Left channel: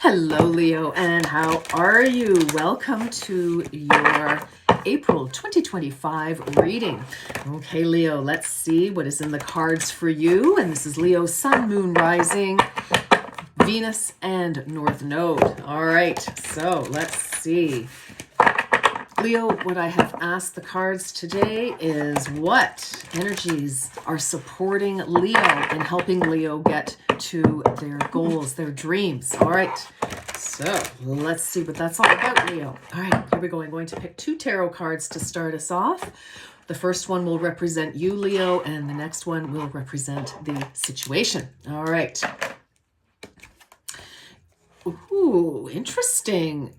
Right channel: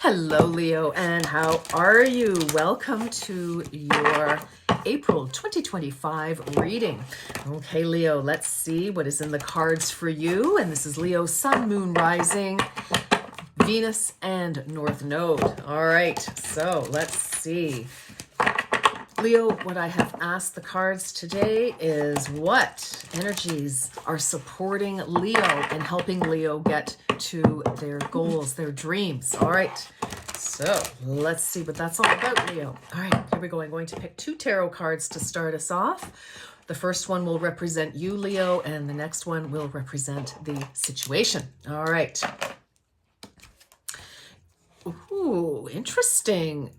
Hello, Leo, and how are you? Welcome to your April 2025 reading. Okay, Leo, let's see what is in the cards for you. And this is Leo, Sun, Moon, Rising, Venus, and North Node. All right, so let's see. Leo, what I have asked the cards today is what energies are supporting Leo and helping Leo get to their goals, their dreams. All right, so let's see what that's all about, Leo. All right, here we go. I'm going to pick two tarot cards to start us off. The first one will represent you, Leo, and the next one will represent the situation. All right. Ooh, interesting.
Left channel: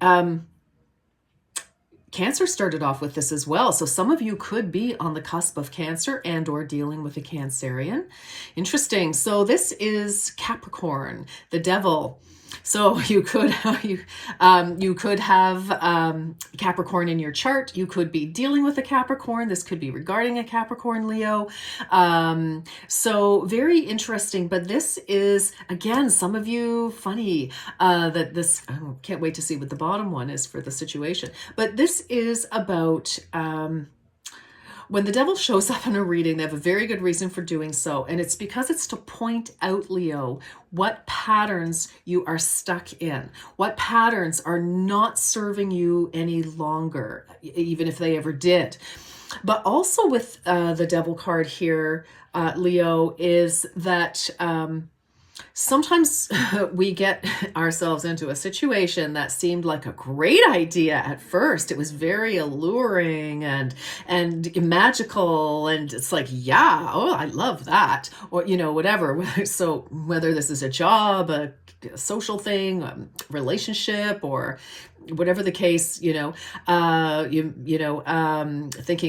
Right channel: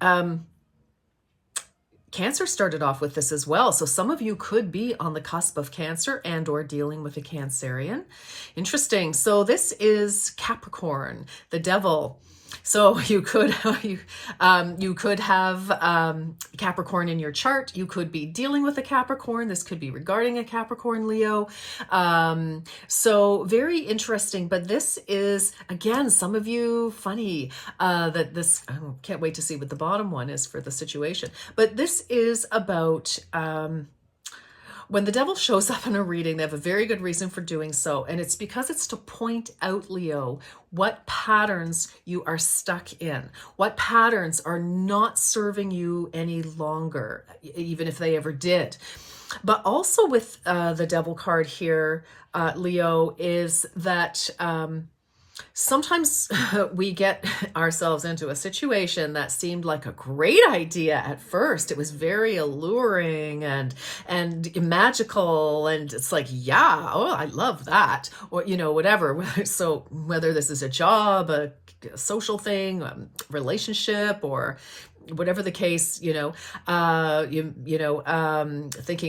Cancer started off with this as well. So some of you could be on the cusp of Cancer and or dealing with a Cancerian. Interesting. So this is Capricorn, the devil. So you could have Capricorn in your chart. You could be dealing with a Capricorn. This could be regarding a Capricorn, Leo. So very interesting. But this is, again, some of you, funny that this, I can't wait to see what the bottom one is for the situation. But this is about... when the devil shows up in a reading, they have a very good reason for doing so. And it's because it's to point out, Leo, what patterns you are stuck in, what patterns are not serving you any longer, even if they ever did. But also with the devil card here, Leo, is that... sometimes we get ourselves into a situation that seemed like a great idea at first. It was very alluring and magical, and it's like, yeah, oh, I love that, or whatever. So whether this is a job, a social thing, relationship, or whatever the case, thinking,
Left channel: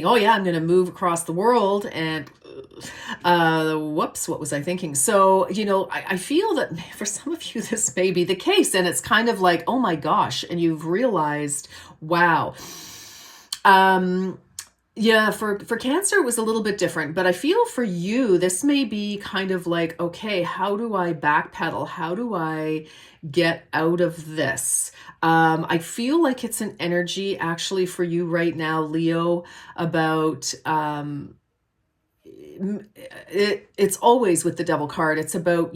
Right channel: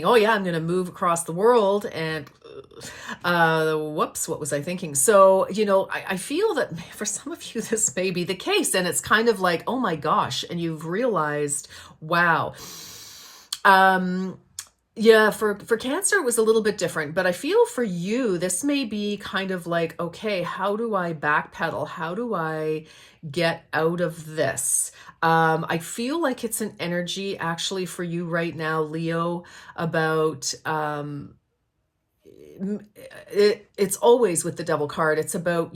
oh yeah, I'm going to move across the world, and whoops, what was I thinking? So, I feel that for some of you, this may be the case, and it's kind of like, oh my gosh, and you've realized, wow. Yeah, for Cancer, it was a little bit different, but I feel for you, this may be kind of like, okay, how do I backpedal? How do I get out of this? I feel like it's an energy actually for you right now, Leo, about, it's always with the devil card. It's about,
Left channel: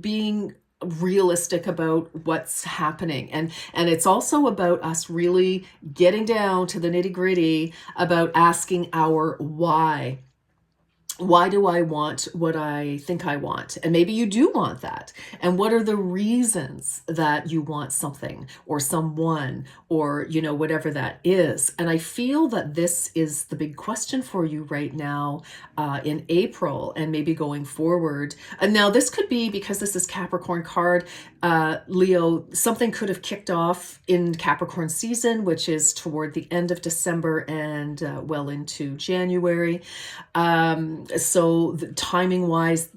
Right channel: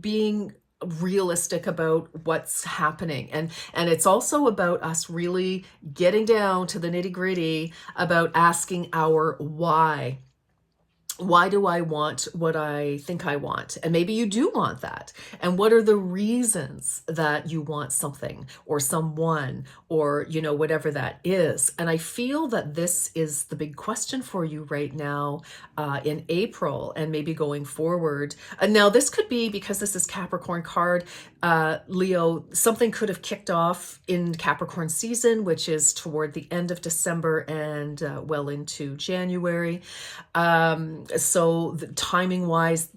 being realistic about what's happening. And it's also about us really getting down to the nitty-gritty about asking our why. Why do I want what I think I want? And maybe you do want that. And what are the reasons that you want something or someone or, whatever that is? And I feel that this is the big question for you right now in April and maybe going forward. And now this could be, because this is Capricorn card, Leo, something could have kicked off in Capricorn season, which is toward the end of December and well into January. So the timing wise,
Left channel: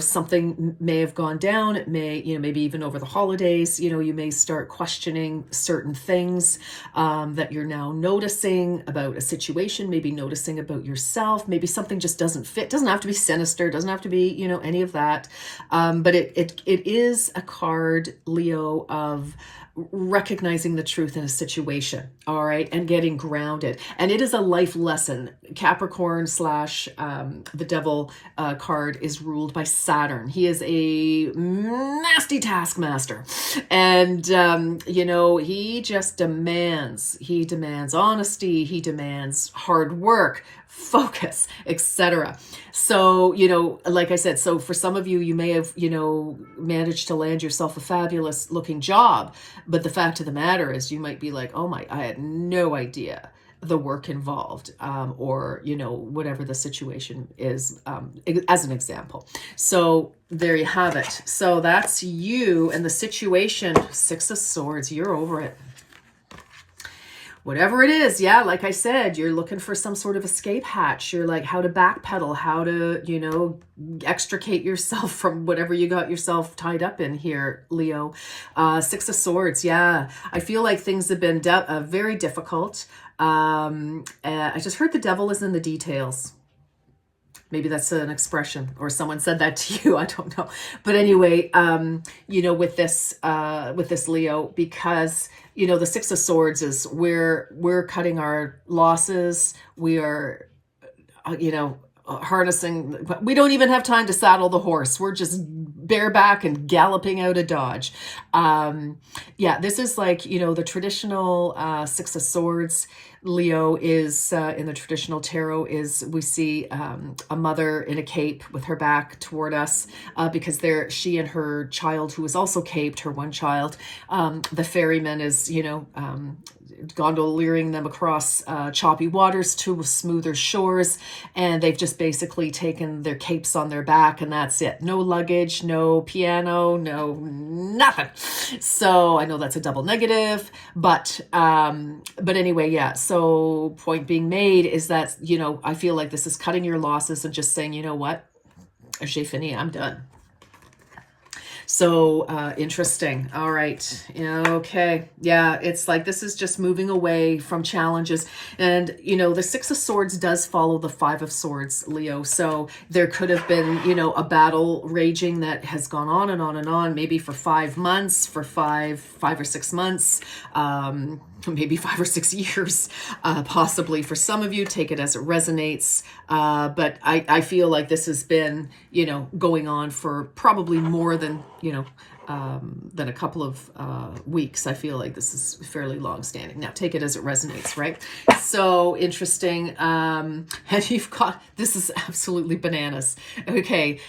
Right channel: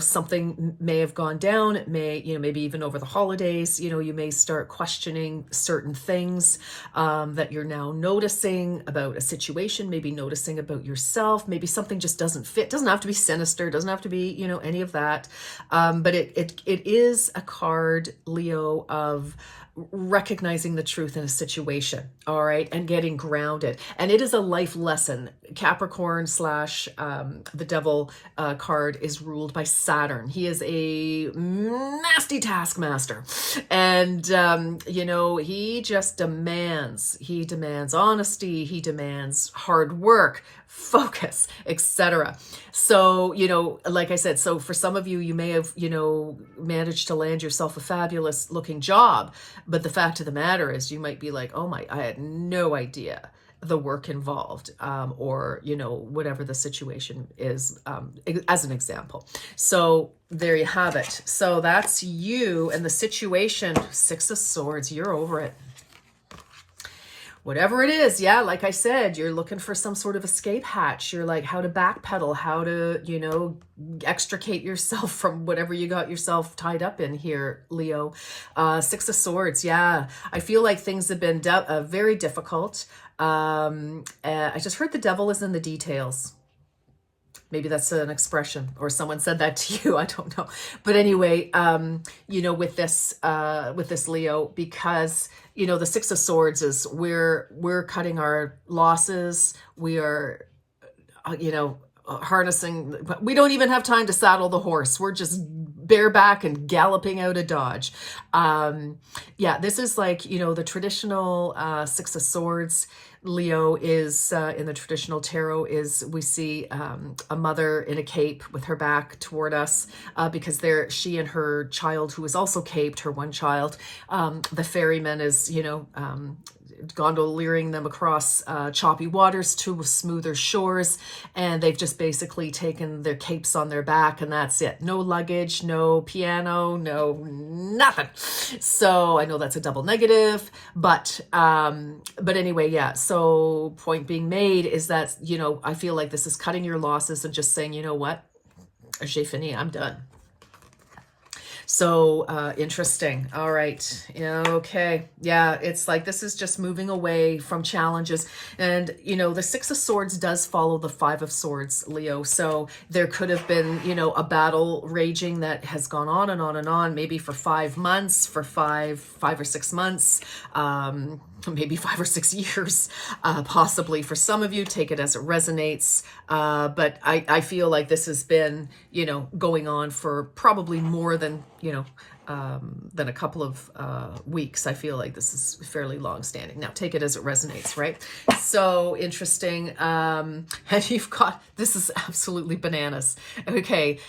something may have gone down. It may, maybe even over the holidays, you may start questioning certain things that you're now noticing about a situation, maybe noticing about yourself. Maybe something just doesn't fit. Doesn't have to be sinister. Doesn't have to be, any of that. But it is a card, Leo, of recognizing the truth in a situation, all right, and getting grounded. And it is a life lesson. Capricorn / the devil card is ruled by Saturn. He is a nasty taskmaster, and he just demands. He demands honesty. He demands hard work, focus, etc. So, like I said, so for some of you, you may have, managed to land yourself a fabulous looking job. But the fact of the matter is you might be like, oh I had no idea the work involved, or, whatever the situation is, as an example. So there you have it. So that's you and the situation. 6 of Swords, you're over it. Whatever it is, yeah, like I said, you're looking for some sort of escape hatch. You're like, how to backpedal, how to, extricate yourself from whatever you got yourself tied up in here, Leo. 6 of Swords, yeah. I feel like things have been very difficult. I just heard the devil is in the details. Maybe that's an expression, or someone said that to you. I don't know. But anyway, you know, with this Leo, because, you know, the Six of Swords is we're cutting our losses. We are, you know, harnessing, but we don't even have time to saddle the horse. We're just bareback and galloping out of Dodge. Yeah, this is like, you know, the traditional Six of Swords. Leo is in the traditional tarot is we see a mother in a cape with her back toward us because she and her child, who is also caped, her one child, the ferryman is, you know, gondoliering them across choppy waters to smoother shores, and they've just basically taken their capes on their back, and that's it. No luggage, no piano, no nothing. So I know that's a double negative, but anyway, yeah. So point being made is that, you know, I feel like this is cutting your losses and just saying, you know what, j'ai fini, I'm done. So interesting. All right. Yeah, okay. Yeah, it's like this is just moving away from challenges. And, you know, the Six of Swords does follow the Five of Swords, Leo. So there could have been, you know, a battle raging that has gone on and on and on, maybe for 5 months, for five or 6 months, maybe 5 or 6 years, possibly for some of you. Take it as it resonates. But I feel like this has been, you know, going on for probably more than, you know, than a couple of weeks. I feel like this is fairly long standing. Now take it as it resonates, right? So interesting. And you've got, this is absolutely bananas. Okay.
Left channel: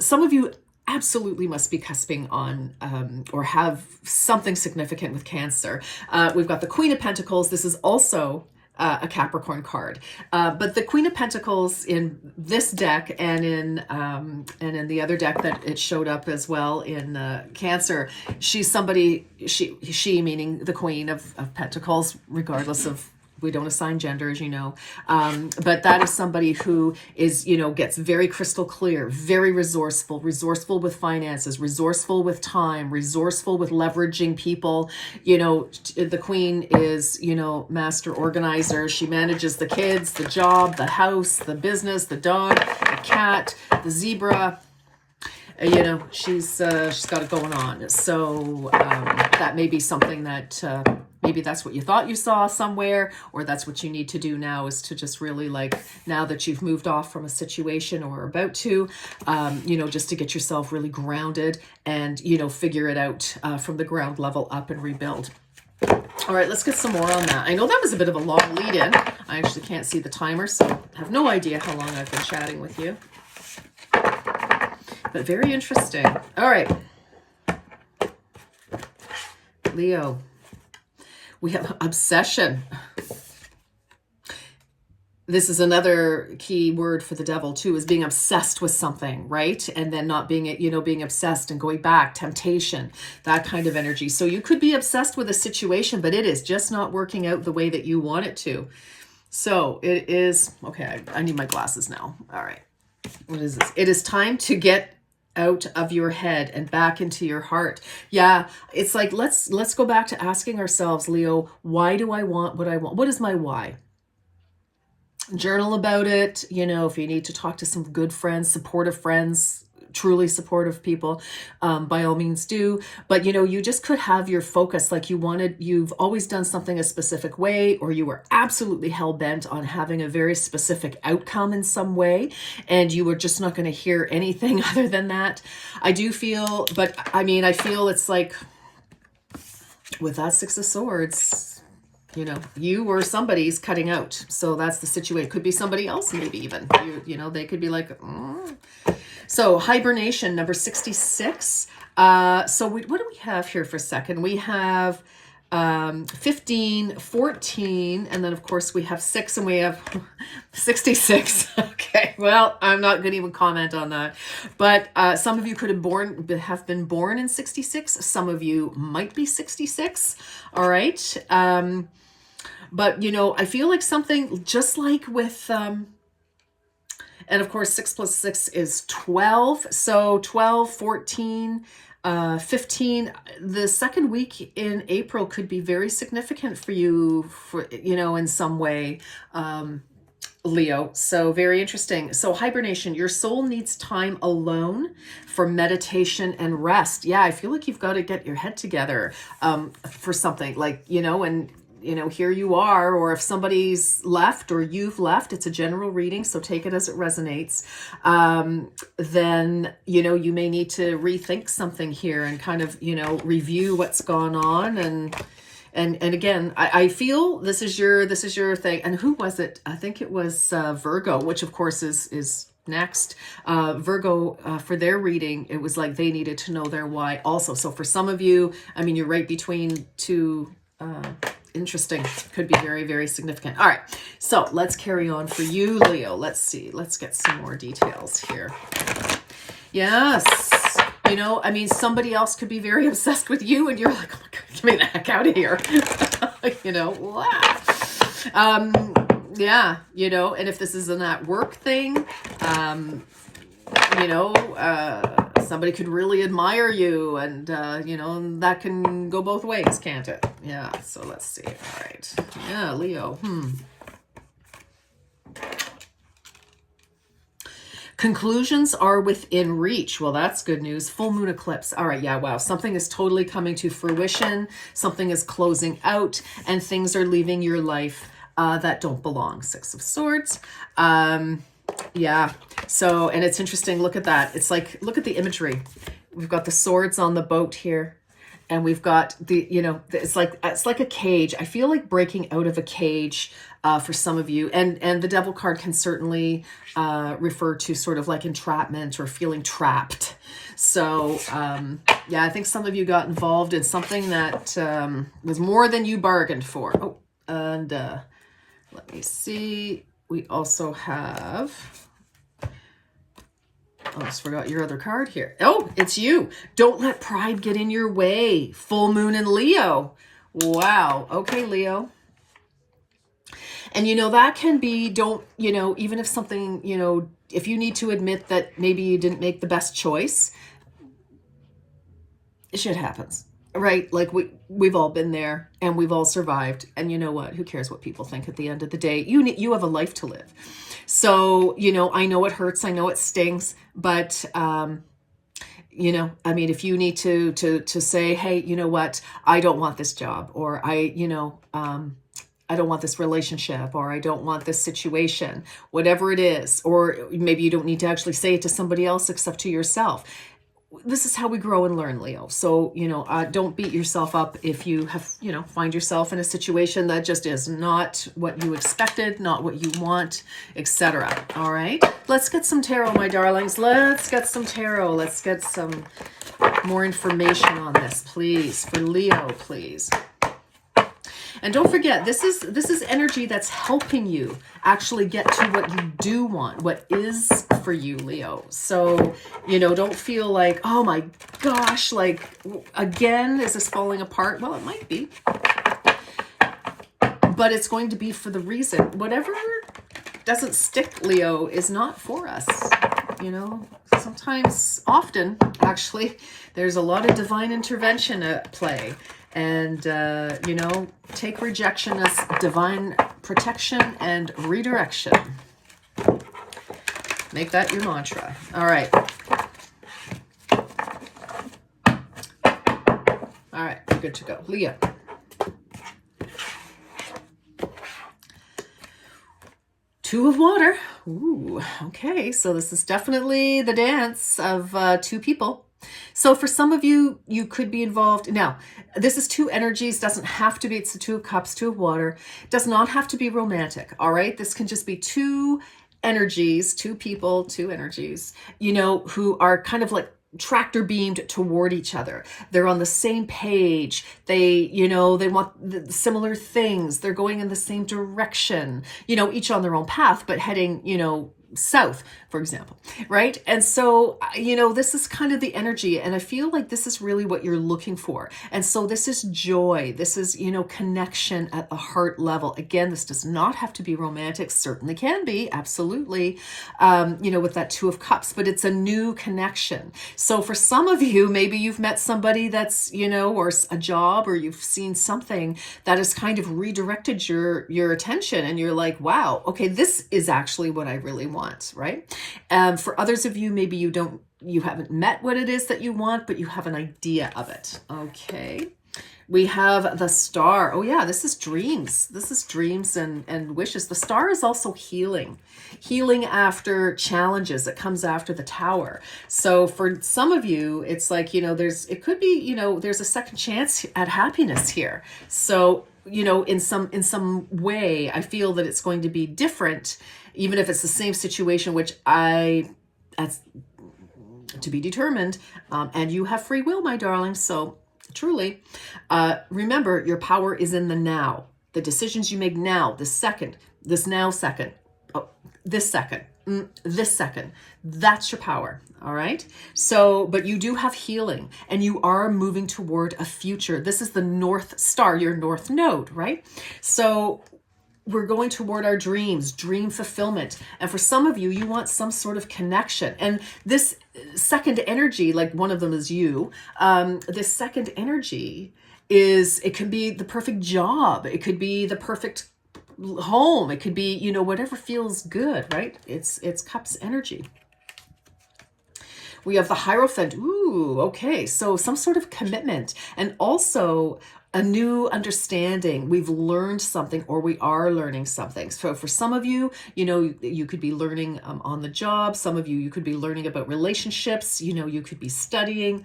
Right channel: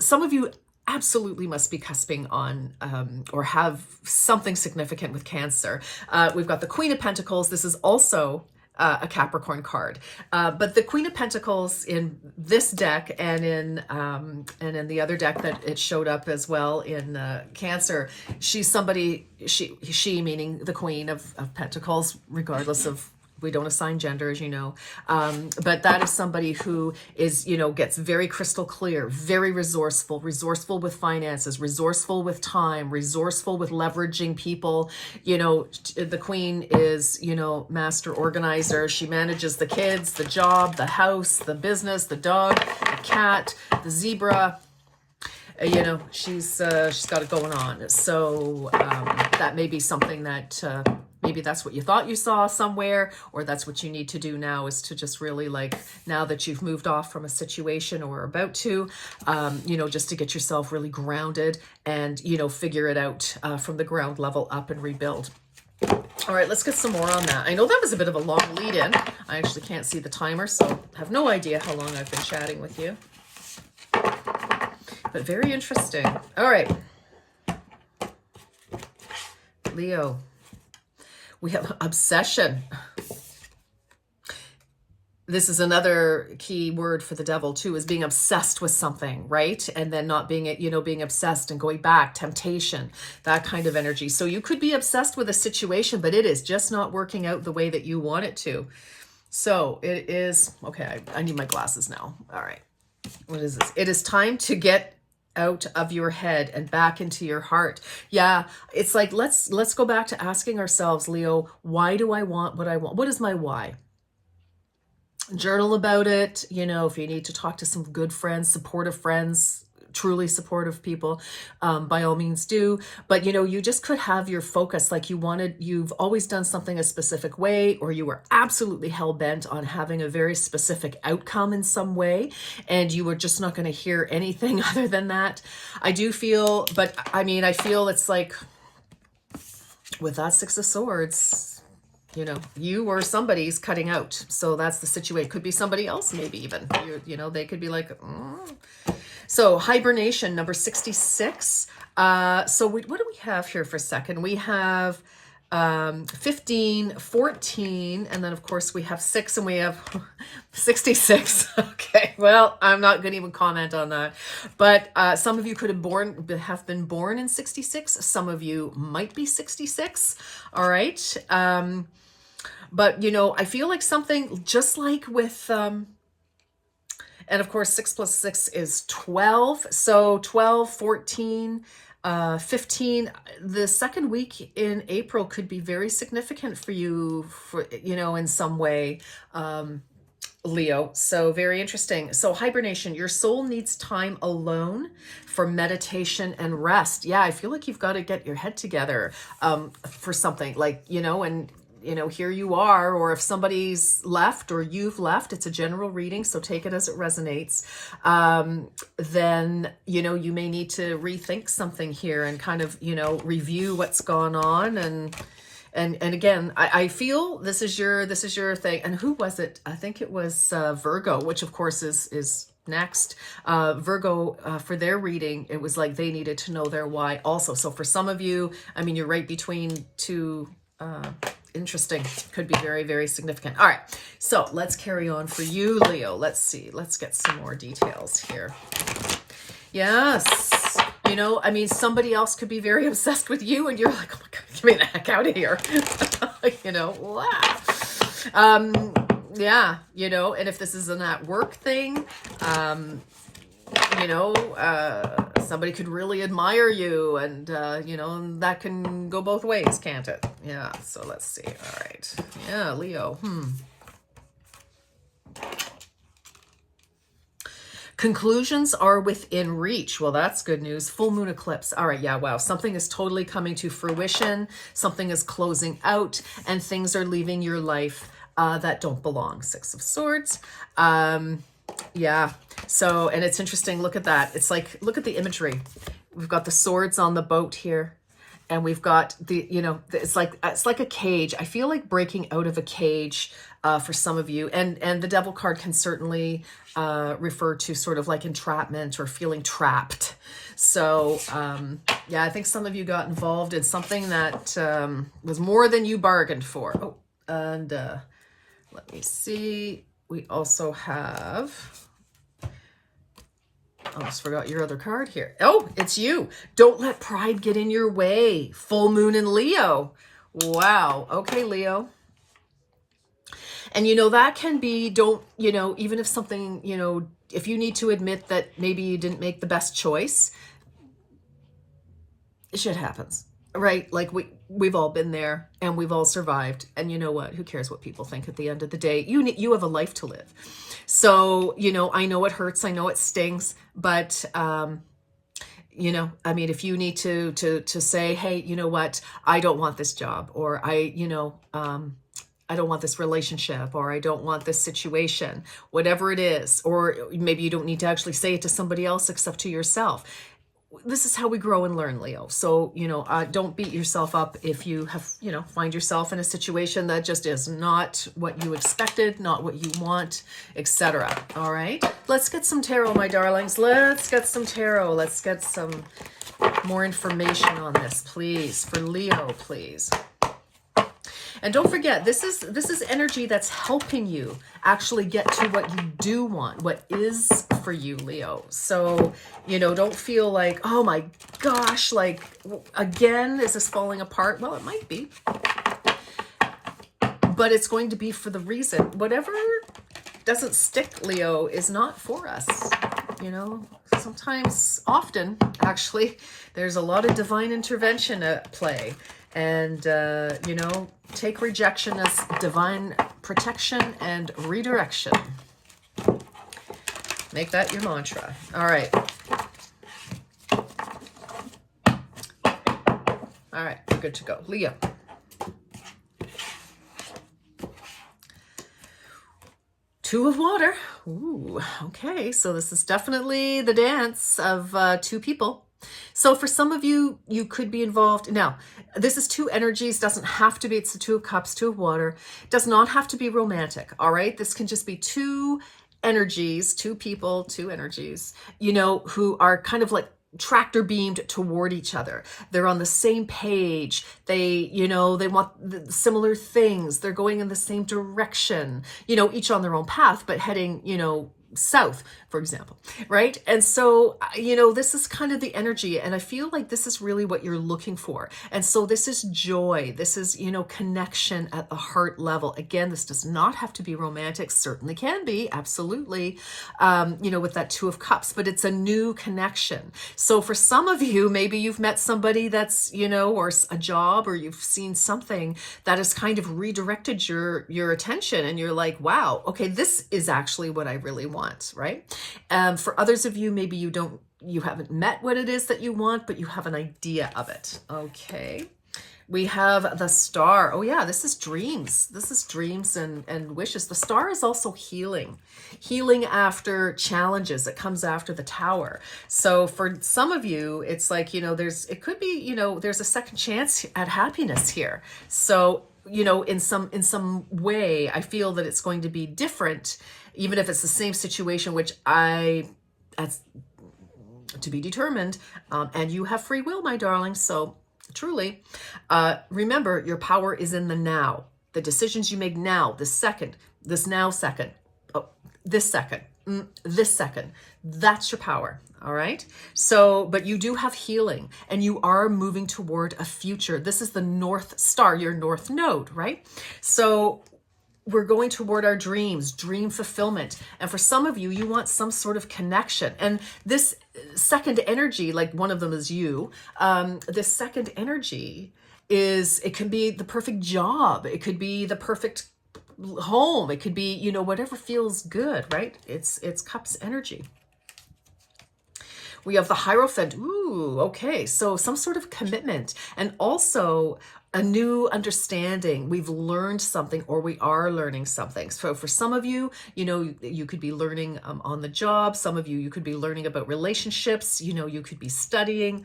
Some of you absolutely must be cusping on or have something significant with Cancer. We've got the Queen of Pentacles. This is also a Capricorn card, but the Queen of Pentacles in this deck and in the other deck that it showed up as well in Cancer, she's somebody, she meaning the Queen of Pentacles, regardless of, we don't assign gender, as you know, but that is somebody who is, you know, gets very crystal clear, very resourceful with finances, resourceful with time, resourceful with leveraging people. You know, the Queen is, you know, master organizer. She manages the kids, the job, the house, the business, the dog, the cat, the zebra. You know, she's got it going on. So that may be something that maybe that's what you thought you saw somewhere, or that's what you need to do now, is to just really, like, now that you've moved off from a situation or about to, you know, just to get yourself really grounded and, you know, figure it out from the ground level up and rebuild. All right, let's get some more on that. I know that was a bit of a long lead in. I actually can't see the timer, so I have no idea how long I've been chatting with you. But very interesting. All right. Leo, we have obsession. This is another key word for the devil too, is being obsessed with something, right? And then not being, you know, being obsessed and going back, temptation, that kind of energy. So you could be obsessed with a situation, but it is just not working out the way that you want it to. So it is, okay, I need my glasses now. All right. What is this? It is time to get out of your head and back into your heart. Yeah, it's like, let's go back to asking ourselves, Leo, why do I want what I want? What is my why? Journal about it. You know, if you need to talk to some good friends, supportive friends, truly supportive people, by all means do. But, you know, you just could have your focus, like you've always done something a specific way, or you were absolutely hell-bent on having a very specific outcome in some way, and you were just not going to hear anything other than that. I do feel, but I mean, I feel it's like with that Six of Swords, you know, you or somebody's cutting out. So that's the situation. Could be somebody else, maybe even, you know, they could be like, So hibernation, number 66. So what do we have here for a second? We have 15, 14, and then of course we have 6, and we have 66. Okay, well, I'm not going to even comment on that. But some of you could have been born in 66. Some of you might be 66. All right. But, you know, I feel like something just like with... and of course, 6 plus 6 is 12. So 12, 14, 15. The second week in April could be very significant for you, for, you know, in some way. Leo. So very interesting. So hibernation, your soul needs time alone for meditation and rest. Yeah, I feel like you've got to get your head together for something like, and here you are, or if somebody's left or you've left, it's a general reading, so take it as it resonates. Then, you may need to rethink something here and kind of, review what's gone on. And again, I feel this is your thing. And who was it? I think it was Virgo, which of course is next. Virgo, for their reading, it was like they needed to know their why also. So for some of you, I mean, you're right between two. Interesting. Could be very, very significant. All right. So let's carry on for you, Leo. Let's see. Let's get some more details here. Yes. I mean, somebody else could be very obsessed with you and you're like, oh my God, get me the heck out of here. Yeah, and if this isn't that work thing, somebody could really admire you and, and that can go both ways, can't it? Yeah. So let's see. All right. Yeah. Leo. Conclusions are within reach. Well, that's good news. Full moon eclipse. All right. Yeah. Wow. Something is totally coming to fruition. Something is closing out and things are leaving your life that don't belong. Six of Swords. Yeah. So, and it's interesting. Look at that. It's like, look at the imagery. We've got the swords on the boat here. And we've got the, it's like a cage. I feel like breaking out of a cage for some of you. And the Devil card can certainly refer to sort of like entrapment or feeling trapped. So, yeah, I think some of you got involved in something that was more than you bargained for. Oh, and let me see. We also have... I almost forgot your other card here. Oh, it's you. Don't let pride get in your way. Full moon in Leo. Wow. Okay, Leo. And, that can be, even if something, if you need to admit that maybe you didn't make the best choice, shit happens, right? Like we've all been there and we've all survived. And you know what? Who cares what people think at the end of the day? You have a life to live. So, I know it hurts. I know it stings, but, I mean, if you need to say, hey, you know what, I don't want this job, or I don't want this relationship, or I don't want this situation, whatever it is, or maybe you don't need to actually say it to somebody else except to yourself. This is how we grow and learn, Leo. So, don't beat yourself up if you have, find yourself in a situation that just is not what you expected, not what you want, etc. All right. Let's get some tarot, my darlings. Let's get some tarot. Let's get some more information on this, please. For Leo, please. And don't forget, this is energy that's helping you actually get to what you do want, what is for you, Leo. So, don't feel like, oh my gosh, like, again, is this falling apart? Well, it might be. But it's going to be for the reason. Whatever doesn't stick, Leo, is not for us. Sometimes, often, actually, there's a lot of divine intervention at play. And, take rejection as divine protection and redirection. Make that your mantra. All right. All right, we're good to go. Leo. Two of water. Ooh, okay. So this is definitely the dance of two people. So for some of you, you could be involved. Now, this is two energies. Doesn't have to be. It's the Two of Cups, Two of Water. Does not have to be romantic. All right. This can just be two energies, two people, two energies, who are kind of like tractor beamed toward each other. They're on the same page. They want similar things. They're going in the same direction, each on their own path, but heading, south, for example, right? And so, this is kind of the energy, and I feel like this is really what you're looking for. And so this is joy. This is, connection at the heart level. Again, this does not have to be romantic, certainly can be, absolutely, with that Two of Cups, but it's a new connection. So for some of you, maybe you've met somebody that's, or a job, or you've seen something that has kind of redirected your attention, and you're like, wow, okay, this is actually what I really want, right? For others of you, maybe you haven't met what it is that you want, but you have an idea of it. Okay. We have the Star. Oh yeah, this is dreams. This is dreams and wishes. The Star is also healing. Healing after challenges. It comes after the Tower. So for some of you, it's like, it could be, there's a second chance at happiness here. So, in some way, I feel that it's going to be different, even if it's the same situation, which that's to be determined. And you have free will, my darling. So truly, remember, your power is in the now. The decisions you make now, this second, this second, this second, that's your power. All right. So, but you do have healing, and you are moving toward a future. This is the North Star, your North Node, right? So we're going toward our dreams, dream fulfillment. And for some of you, you want some sort of connection. And this second energy, like one of them is you, this second energy it can be the perfect job. It could be the perfect home. It could be, whatever feels good, right? It's Cups energy. We have the Hierophant. Ooh, okay. So some sort of commitment, and also a new understanding. We've learned something, or we are learning something. So for some of you, you could be learning on the job. Some of you could be learning about relationships. You could be studying.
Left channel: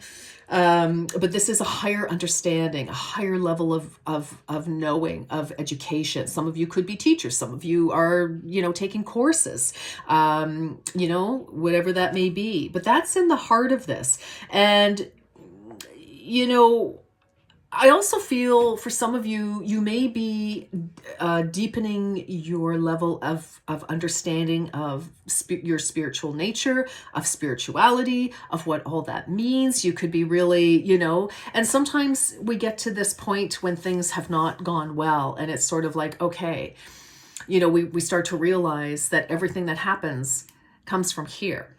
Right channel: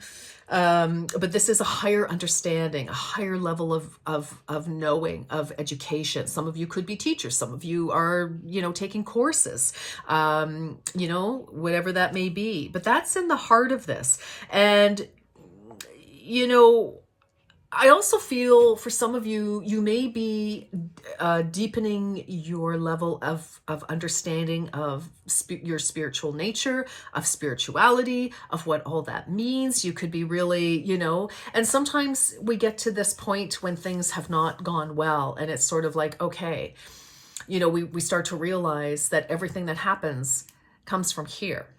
But this is a higher understanding, a higher level of knowing, of education. Some of you could be teachers. Some of you are, taking courses, whatever that may be. But that's in the heart of this. And, I also feel for some of you, you may be deepening your level of understanding of your spiritual nature, of spirituality, of what all that means. You could be really, and sometimes we get to this point when things have not gone well, and it's sort of like, okay, we start to realize that everything that happens comes from here.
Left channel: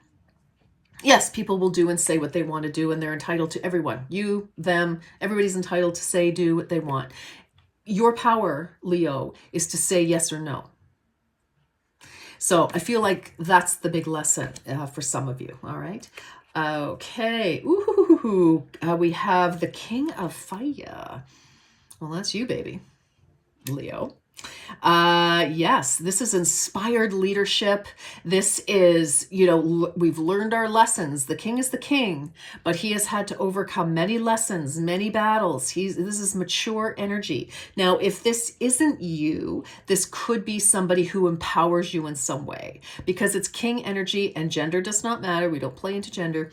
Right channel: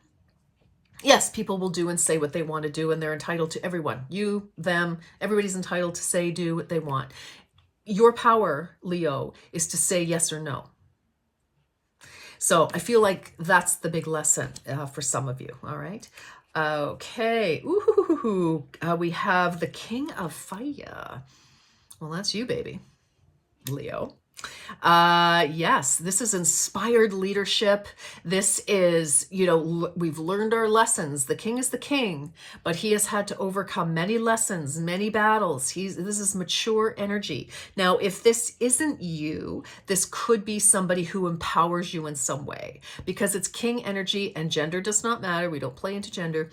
Yes, people will do and say what they want to do, and they're entitled to. Everyone, you, them, everybody's entitled to say, do what they want. Your power, Leo, is to say yes or no. So I feel like that's the big lesson for some of you. All right. Okay. Ooh, we have the King of Fire. Well, that's you, baby, Leo. Yes, this is inspired leadership. This is, we've learned our lessons. The king is the king, but he has had to overcome many lessons, many battles. This is mature energy. Now, if this isn't you, this could be somebody who empowers you in some way, because it's king energy, and gender does not matter. We don't play into gender.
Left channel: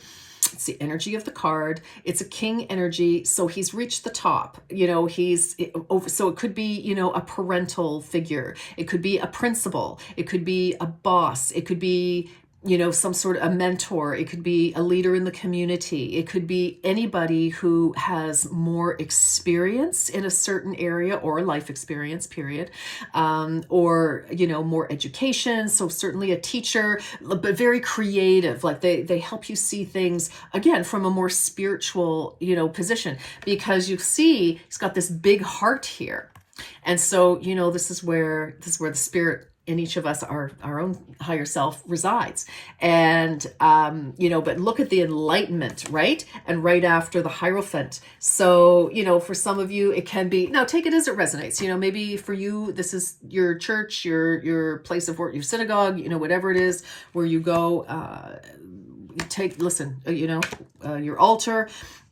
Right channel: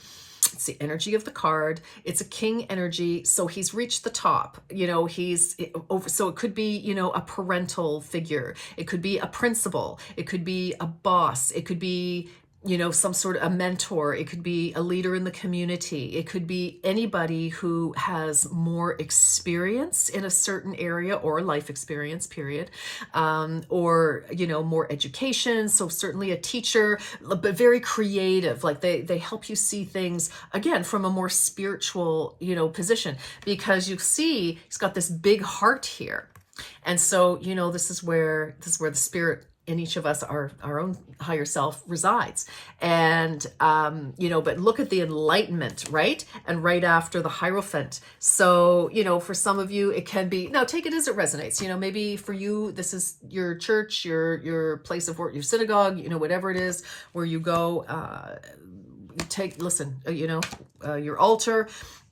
It's the energy of the card. It's a king energy. So he's reached the top, so it could be, a parental figure. It could be a principal. It could be a boss. It could be, some sort of a mentor. It could be a leader in the community. It could be anybody who has more experience in a certain area, or life experience, period. Or, more education. So certainly a teacher, but very creative. Like they help you see things, again, from a more spiritual, position, because you see he's got this big heart here. And so, this is where the spirit in each of us, our own higher self, resides. And, but look at the enlightenment, right? And right after the Hierophant. So, for some of you, it can be, now take it as it resonates. Maybe for you, this is your church, your place of work, your synagogue, whatever it is where you go, your altar,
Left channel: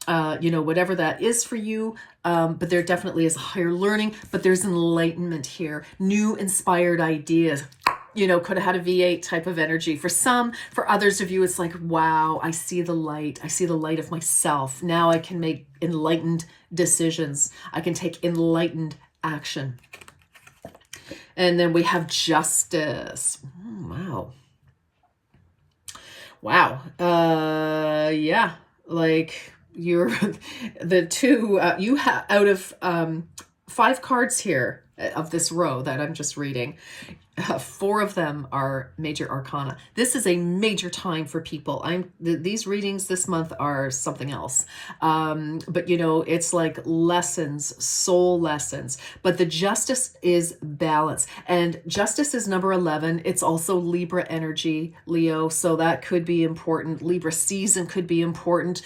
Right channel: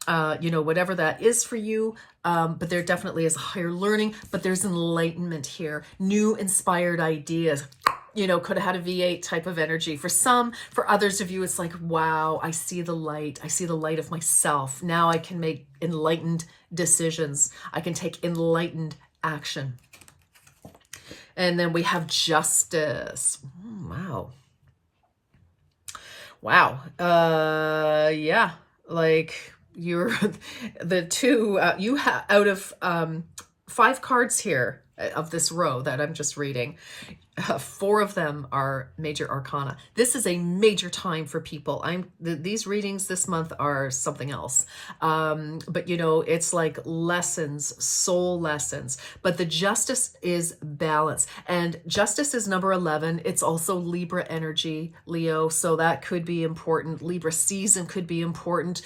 whatever that is for you. But there definitely is a higher learning, but there's enlightenment here, new inspired ideas. Could have had a V8 type of energy for some. For others of you, it's like, wow, I see the light. I see the light of myself. Now I can make enlightened decisions. I can take enlightened action. And then we have Justice. Wow. Wow. Yeah. Like you're the two, you have out of 5 cards here of this row that I'm just reading. 4 of them are major arcana. This is a major time for people. These readings this month are something else. But you know, it's like lessons, soul lessons. But the justice is balance. And justice is number 11. It's also Libra energy, Leo. So that could be important. Libra season could be important.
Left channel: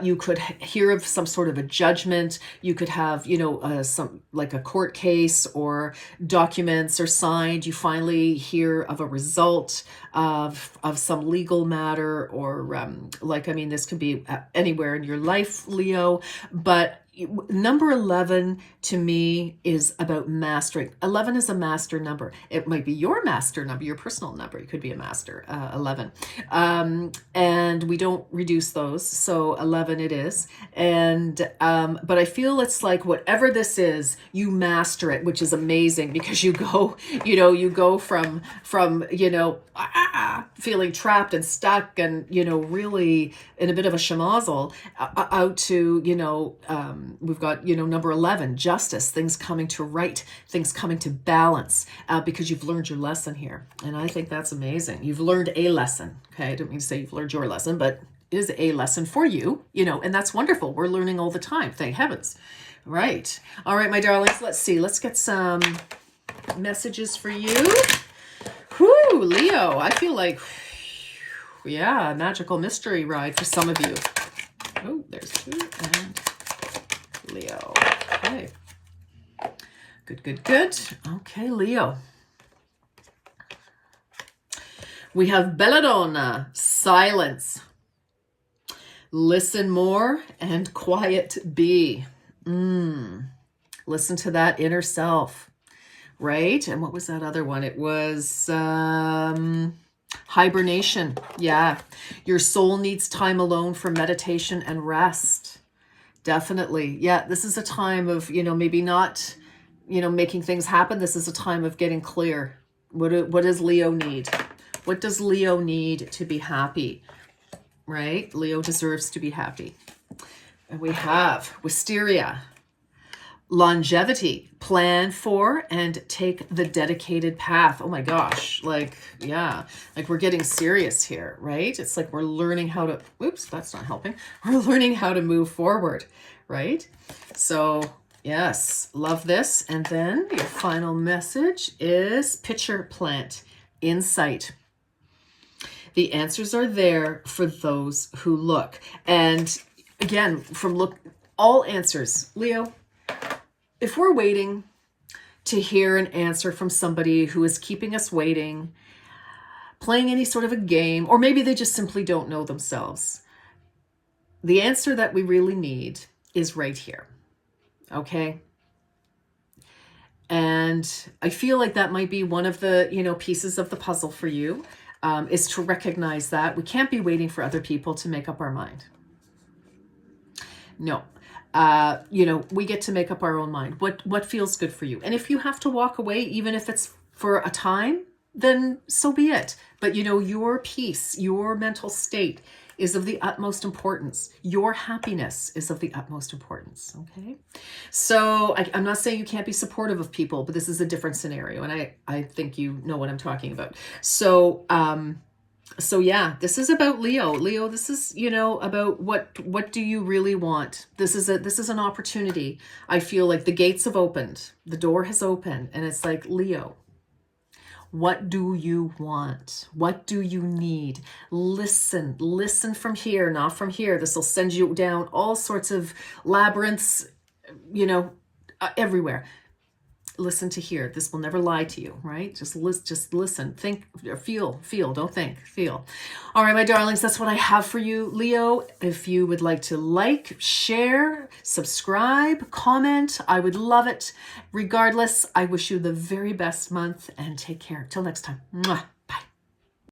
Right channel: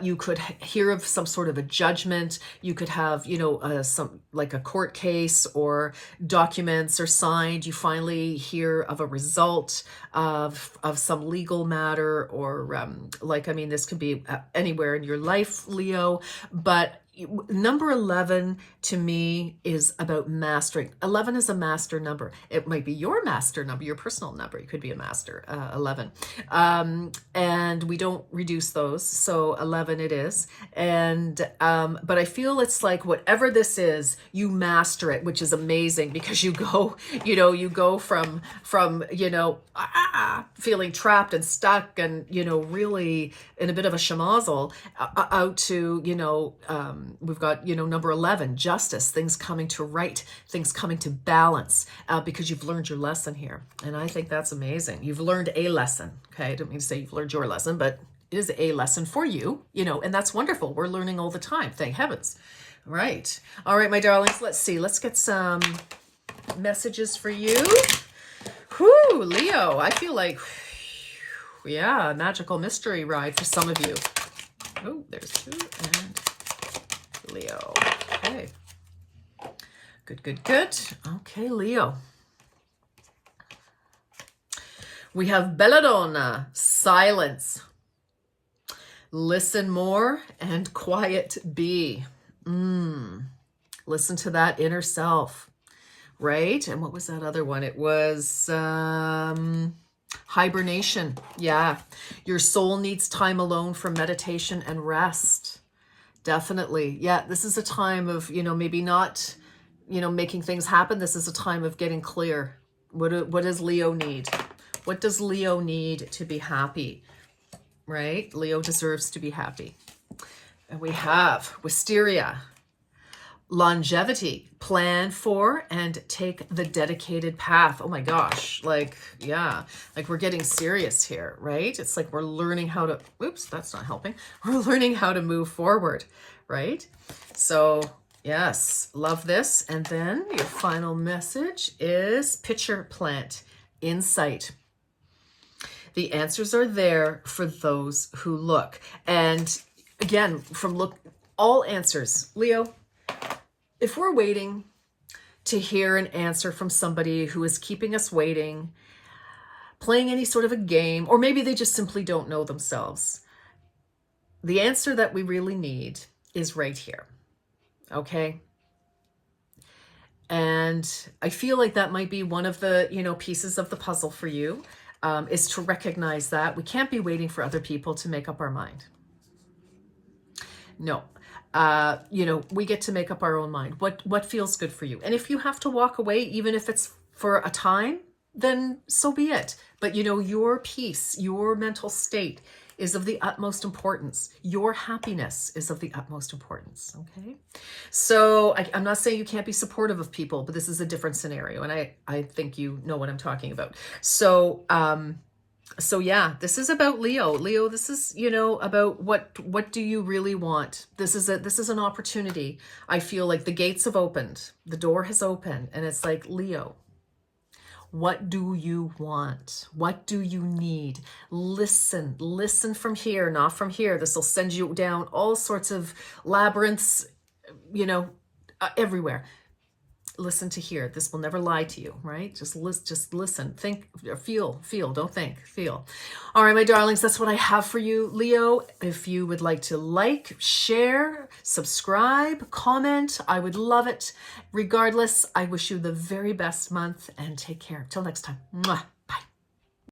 You could hear of some sort of a judgment. You could have, you know, some like a court case or documents are signed. You finally hear of a result of some legal matter, or like, I mean, this could be anywhere in your life, Leo, but number 11 to me is about mastering. 11 is a master number. It might be your master number, your personal number. It could be a master, 11. And we don't reduce those. So 11 it is. And, but I feel it's like whatever this is, you master it, which is amazing because you go, you go from, feeling trapped and stuck and, really in a bit of a schmozzle out to, we've got, number 11, justice, things coming to right, things coming to balance, because you've learned your lesson here. And I think that's amazing. You've learned a lesson. Okay. I don't mean to say you've learned your lesson, but it is a lesson for you, and that's wonderful. We're learning all the time. Thank heavens. Right. All right, my darlings, let's see. Let's get some messages for you. Whoo, Leo, I feel like, yeah, magical mystery ride for some of you. Oh, there's 2 and Leo. Okay. Good. Okay, Leo. We have Belladonna, silence. Listen more and quiet be. Listen to that inner self, right? And what was that other one? It was hibernation. Yeah. Your soul needs time alone for meditation and rest. Definitely. Yeah. This is a time of, maybe not, making things happen. This is a time of getting clear. What does Leo need? What does Leo need to be happy? Right? Leo deserves to be happy. And we have wisteria, longevity, plan for and take the dedicated path. Oh my gosh. Like, yeah, like we're getting serious here, right? It's like we're learning how to, oops, that's not helping. We're learning how to move forward, right? So yes, love this. And then your final message is picture plant, insight. The answers are there for those who look. And again, all answers, Leo, if we're waiting to hear an answer from somebody who is keeping us waiting, playing any sort of a game, or maybe they just simply don't know themselves, the answer that we really need is right here. Okay? And I feel like that might be one of the, pieces of the puzzle for you, is to recognize that we can't be waiting for other people to make up our mind. No. We get to make up our own mind. What feels good for you? And if you have to walk away, even if it's for a time, then so be it. But your peace, your mental state is of the utmost importance. Your happiness is of the utmost importance. Okay. So I'm not saying you can't be supportive of people, but this is a different scenario. And I think you know what I'm talking about. So yeah, this is about Leo. Leo, this is, about what do you really want? This is an opportunity. I feel like the gates have opened. The door has opened. And it's like, Leo, what do you want? What do you need? Listen from here, not from here. This will send you down all sorts of labyrinths, everywhere. Listen to here. This will never lie to you, right? Just listen, think, feel, don't think, feel. All right, my darlings, that's what I have for you. Leo, if you would like to like, share, subscribe, comment, I would love it. Regardless, I wish you the very best month and take care. Till next time. Mwah.